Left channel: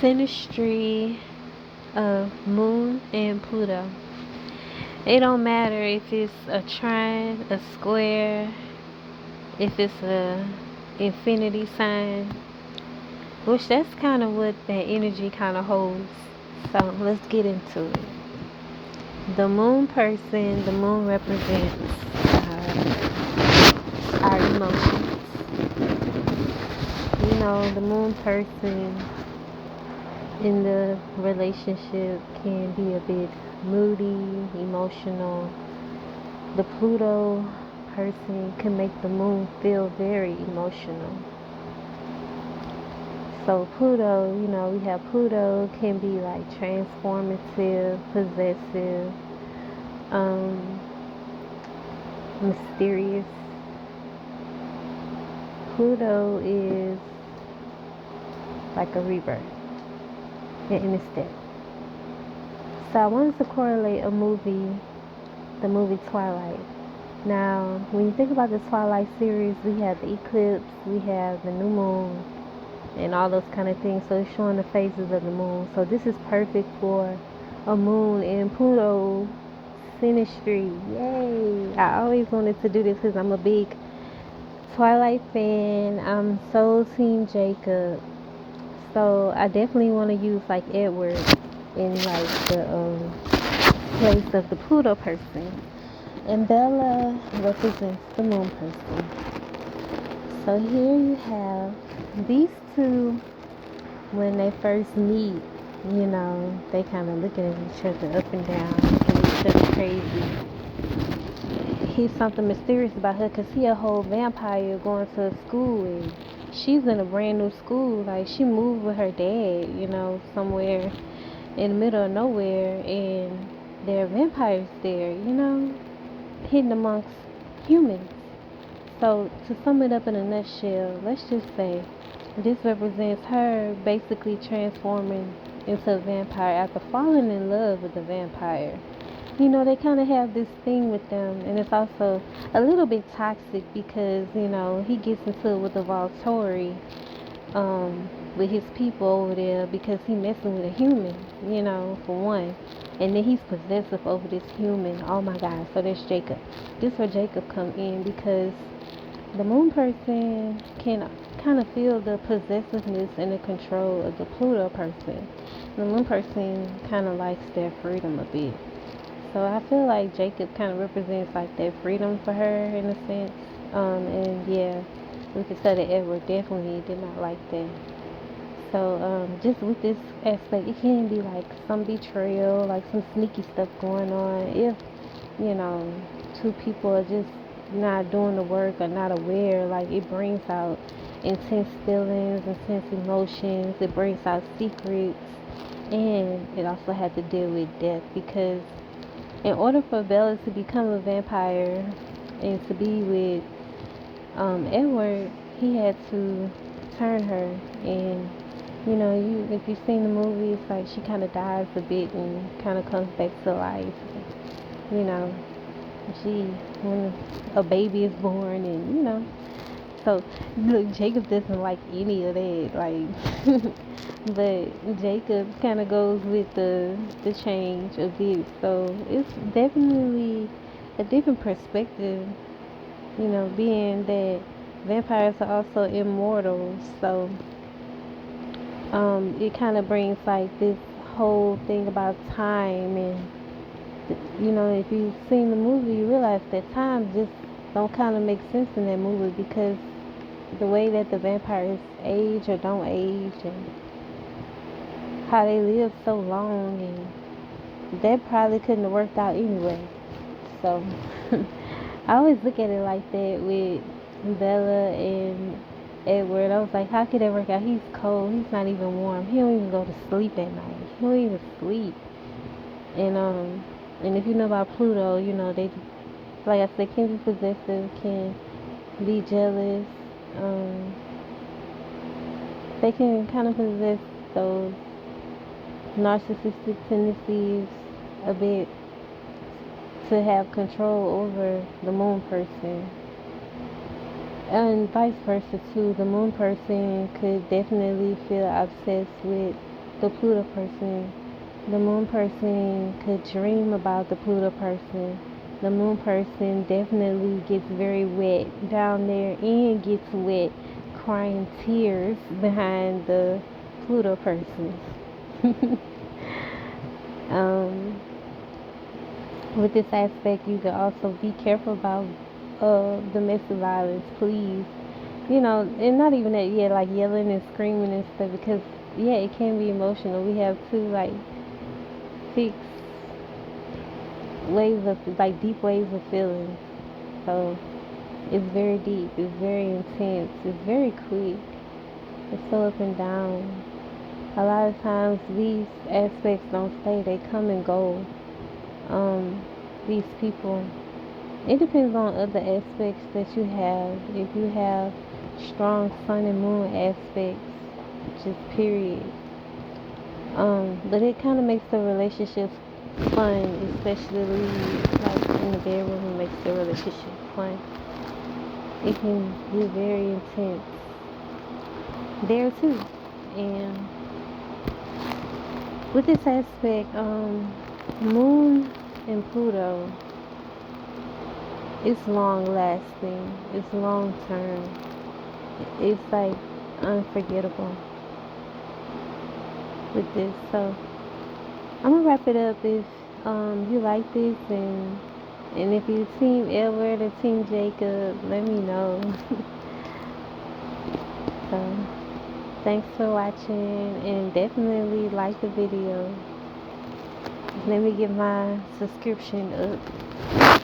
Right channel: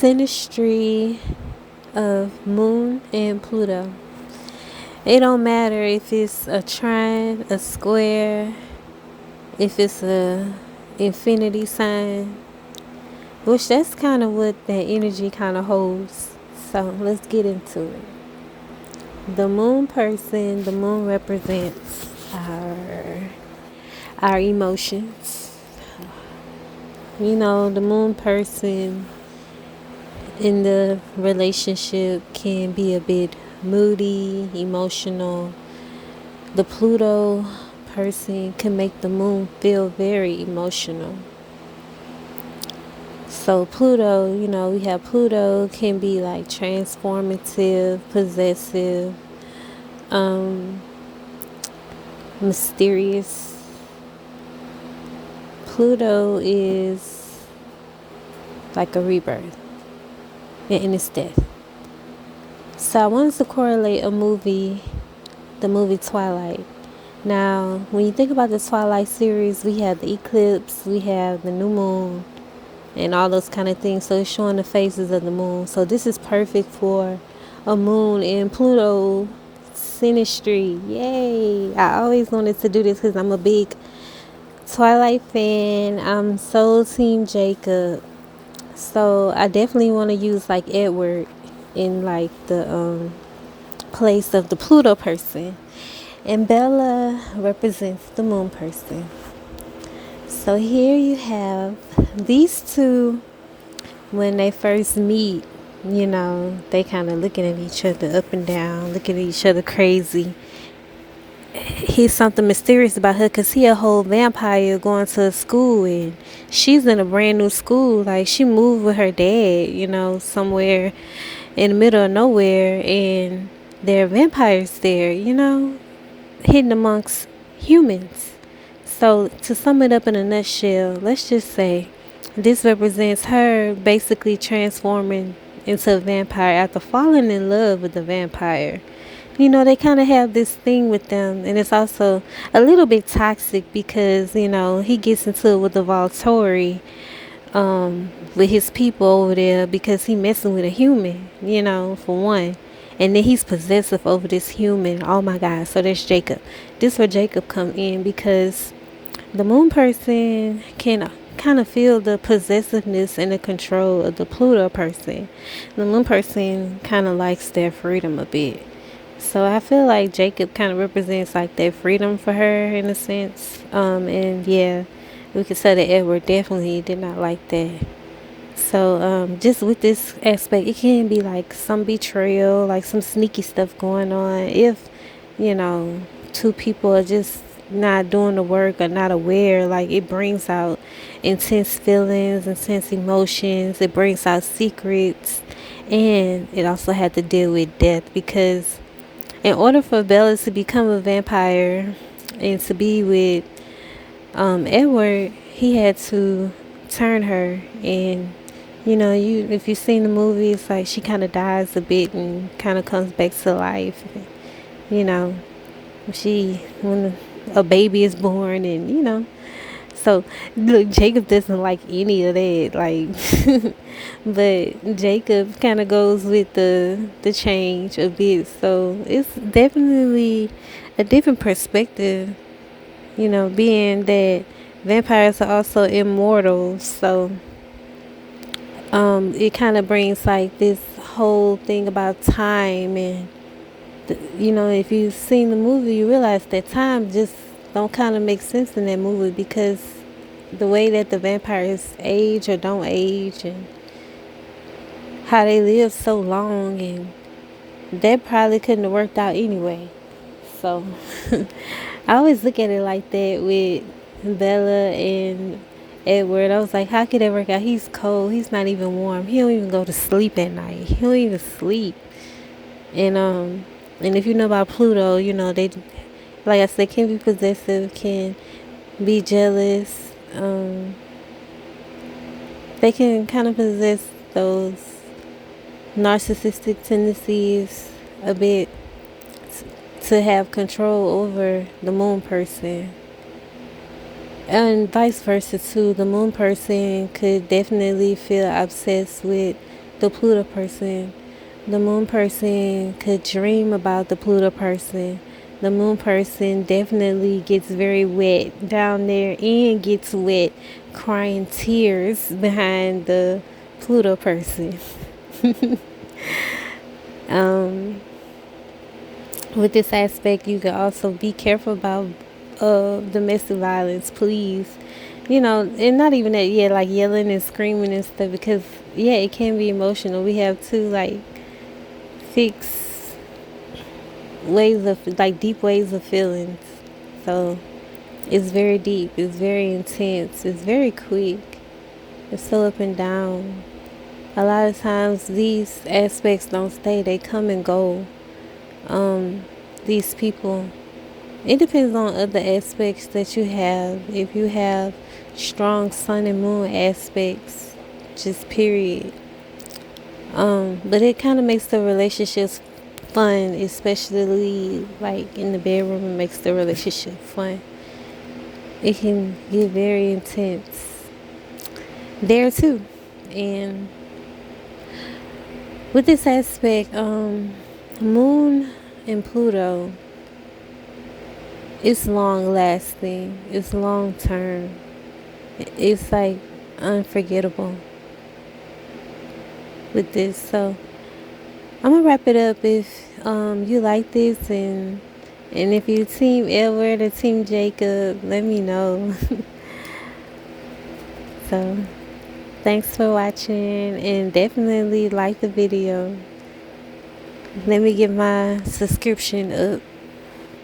synastry of Moon and Pluto. It don't matter if it's a trine, a square, if it's a infinity sign, which that's kind of what that energy kind of holds. So let's get into it. The moon person, the moon represents our emotions. You know, the moon person in the relationship can be a bit moody, emotional. The Pluto person can make the moon feel very emotional. So Pluto, you know, we have Pluto can be like transformative, possessive, mysterious. Pluto is like a rebirth and it's death. So I wanted to correlate the movie Twilight. Now, when you think about the Twilight series, we have the eclipse, we have the new moon, and all those kind of things. So it's showing the phases of the moon. So this is perfect for a moon in Pluto synastry. Yay! I always wanted to do this because I'm a big Twilight fan. I'm so team Jacob. So I definitely want to use like Edward in like the place of the Pluto person. And Bella represents the moon person. So here you have these two. When they first meet, you know, they kind of looking at each other up and down, looking at each other crazy. He's something mysterious about her because he a whole vampire going to school, and she's in a brand new school. Like, she moved with her dad, you know, somewhere in the middle of nowhere, and there are vampires there, you know, hidden amongst humans. So to sum it up in a nutshell, let's just say this represents her basically transforming into a vampire after falling in love with the vampire. You know, they kind of have this thing with them, and it's also a little bit toxic because, you know, he gets into it with the Volturi, with his people over there because he messing with a human, you know, for one. And then he's possessive over this human. Oh my God. So there's Jacob. This is where Jacob come in because the moon person can kind of feel the possessiveness and the control of the Pluto person. The moon person kind of likes their freedom a bit. So I feel like Jacob kind of represents like that freedom for her in a sense. And yeah, we could say that Edward definitely did not like that. So just with this aspect, it can be like some betrayal, like some sneaky stuff going on. If, you know, two people are just not doing the work or not aware, like it brings out intense feelings, intense emotions. It brings out secrets. And it also had to deal with death because in order for Bella to become a vampire and to be with Edward, he had to turn her. And you know, if you've seen the movie, it's like she kind of dies a bit and kind of comes back to life. You know, when a baby is born, and you know, so look, Jacob doesn't like any of that, like, but Jacob kind of goes with the change a bit. So it's definitely a different perspective, you know, being that vampires are also immortal. So it kind of brings like this whole thing about time, and you know, if you've seen the movie, you realize that time just don't kind of make sense in that movie because the way that the vampires age or don't age, and how they live so long, and that probably couldn't have worked out anyway. So I always look at it like that with Bella and Edward. I was like, how could that work out? He's cold. He's not even warm. He don't even go to sleep at night. He don't even sleep. And if you know about Pluto, you know they, like I said, can be possessive, can be jealous. They can kind of possess those narcissistic tendencies a bit to have control over the moon person. And vice versa too. The moon person could definitely feel obsessed with the Pluto person. The moon person could dream about the Pluto person. The moon person definitely gets very wet down there and gets wet crying tears behind the Pluto person. With this aspect, you can also be careful about domestic violence, please. And not even that, yeah, like yelling and screaming and stuff, because, yeah, it can be emotional. We have to, like, fix ways of, like, deep ways of feelings. So, it's very deep, it's very intense, it's very quick, it's so up and down. A lot of times, these aspects don't stay, they come and go. These people, it depends on other aspects that you have. If you have strong sun and moon aspects, just period. But it kind of makes the relationships fun, especially like in the bedroom. It makes the relationship fun. It can get very intense there too. And with this aspect, moon and Pluto, it's long lasting, it's long term, it's like unforgettable with this. So I'm gonna wrap it up. If you like this, and if you team Edward or team Jacob, let me know. So thanks for watching, and definitely like the video. Let me get my subscription up.